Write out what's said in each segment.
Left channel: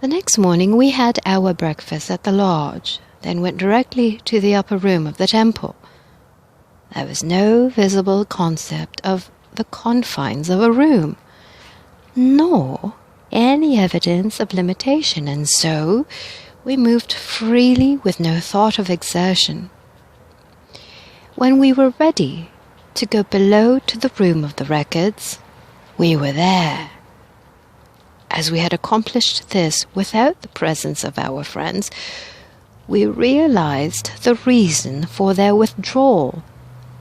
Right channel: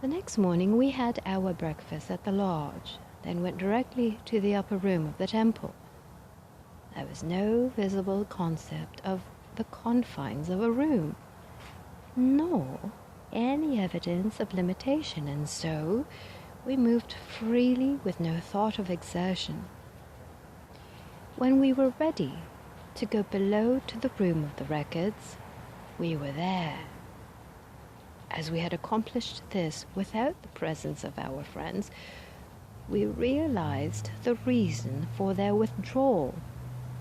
The next morning we had our breakfast at the lodge, then went directly to the upper room of the temple. There was no visible concept of the confines of a room, nor any evidence of limitation, and so we moved freely with no thought of exertion. When we were ready to go below to the room of the records, we were there. As we had accomplished this without the presence of our friends, we realized the reason for their withdrawal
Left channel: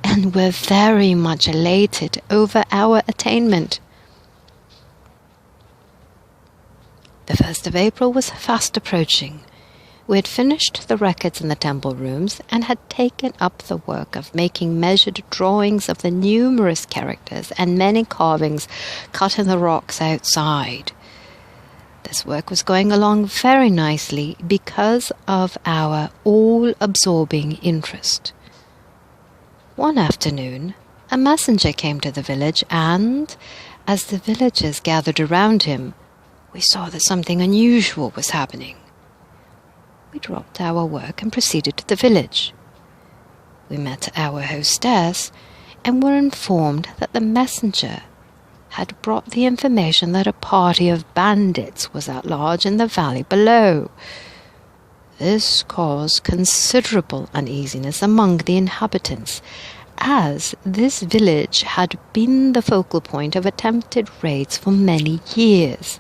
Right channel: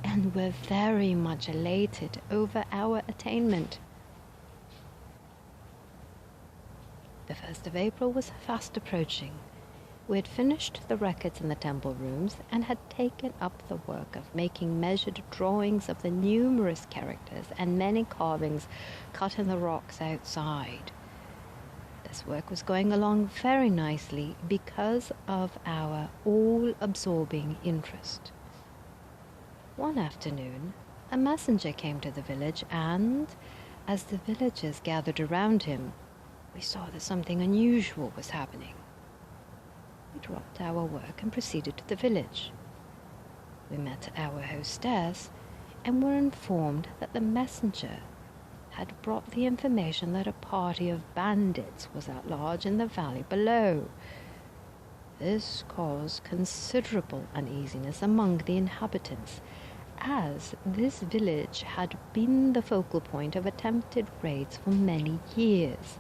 and were very much elated over our attainment. The 1st of April was fast approaching. We had finished the records in the temple rooms and had taken up the work of making measured drawings of the numerous characters and many carvings cut in the rocks outside. This work was going along very nicely because of our all-absorbing interest. One afternoon, a messenger came to the village, and, as the villagers gathered around him, we saw that something unusual was happening. We dropped our work and proceeded to the village. We met our hostess and were informed that the messenger had brought the information that a party of bandits was at large in the valley below. This caused considerable uneasiness among the inhabitants, as this village had been the focal point of attempted raids for many years.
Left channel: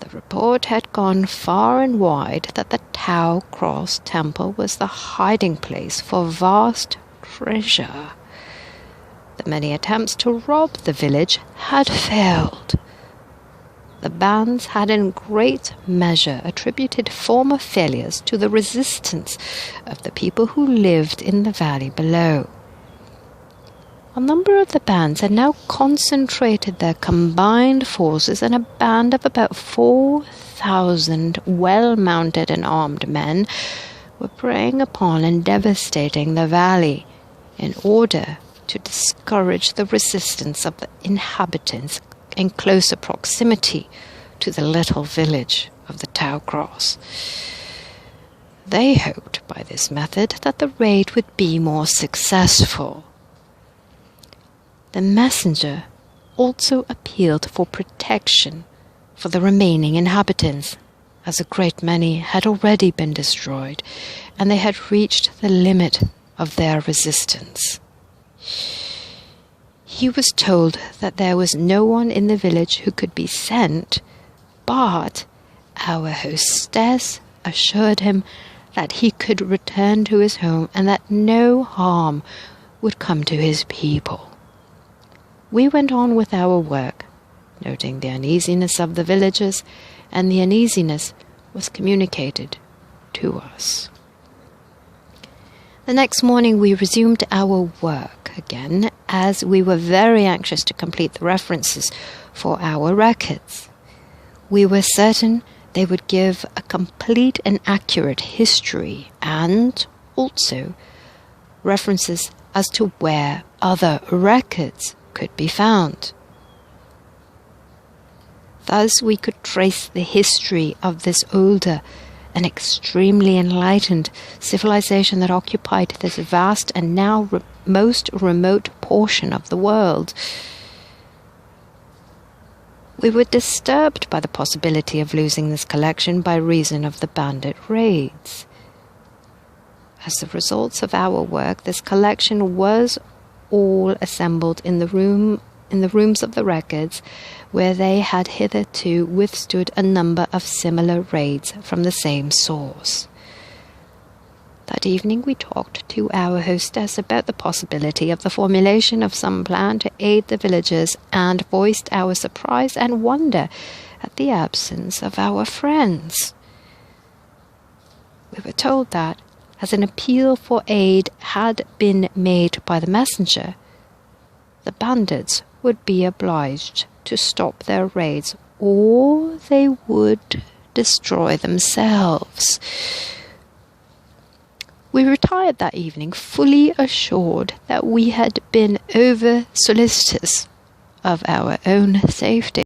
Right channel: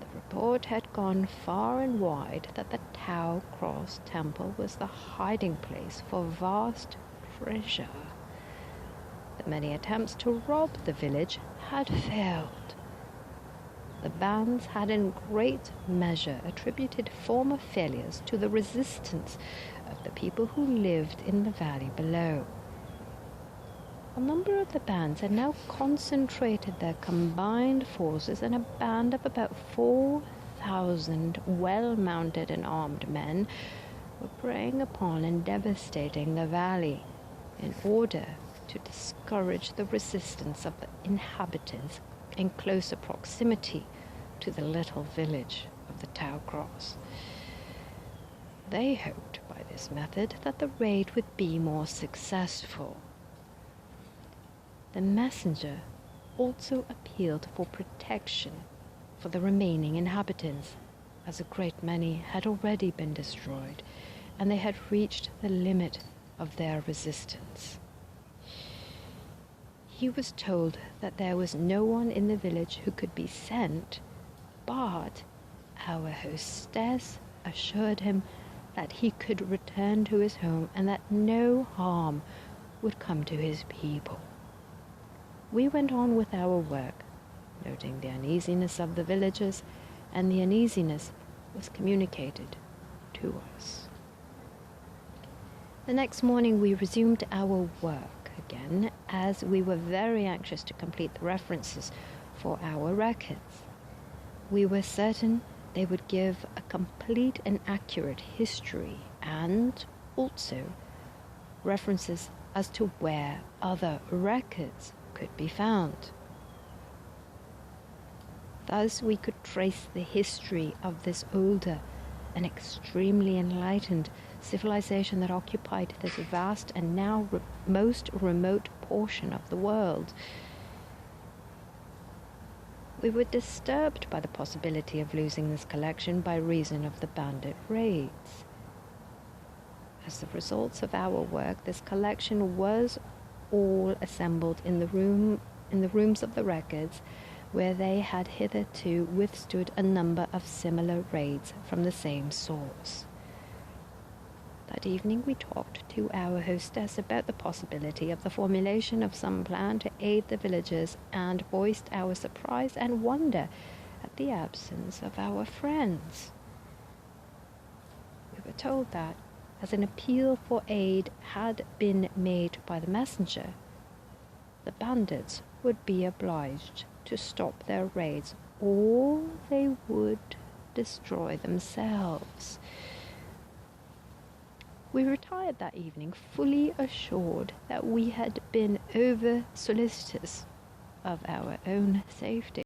The report had gone far and wide that the Ch2 temple was the hiding place for vast treasure. The many attempts to rob the village had failed. The bands had in great measure attributed former failures to the resistance of the people who lived in the valley below. A number of the bands had now concentrated their combined forces, and a band of about 4,000 well-mounted and armed men were preying upon and devastating the valley in order to discourage the resistance of the inhabitants in closer proximity to the little village of the Ch2. They hoped by this method that the raid would be more successful. The messenger also appealed for protection for the remaining inhabitants, as a great many had already been destroyed, and they had reached the limit of their resistance. He was told that there was no one in the village who could be sent, but our hostess assured him that he could return to his home and that no harm would come to his people. We went on with our work, noting the uneasiness of the villagers, and the uneasiness was communicated to us. The next morning we resumed our work again, as we were very anxious to complete the references for our records. We were certain they would give a complete and accurate history, and also references as to where other records could be found. Thus we could trace the history of this older and extremely enlightened civilization that occupied this vast and now most remote portion of the world. We were disturbed by the possibility of losing this collection by reason of the bandit raids. As the results of our work, this collection was all assembled in the rooms of the records, where they had hitherto withstood a number of similar raids from the same source. That evening we talked to our hostess about the possibility of the formulation of some plan to aid the villagers, and voiced our surprise and wonder at the absence of our friends. We were told that, as an appeal for aid had been made by the messenger, the bandits would be obliged to stop their raids, or they would destroy themselves. We retired that evening fully assured that we had been over-solicitous of our own safety.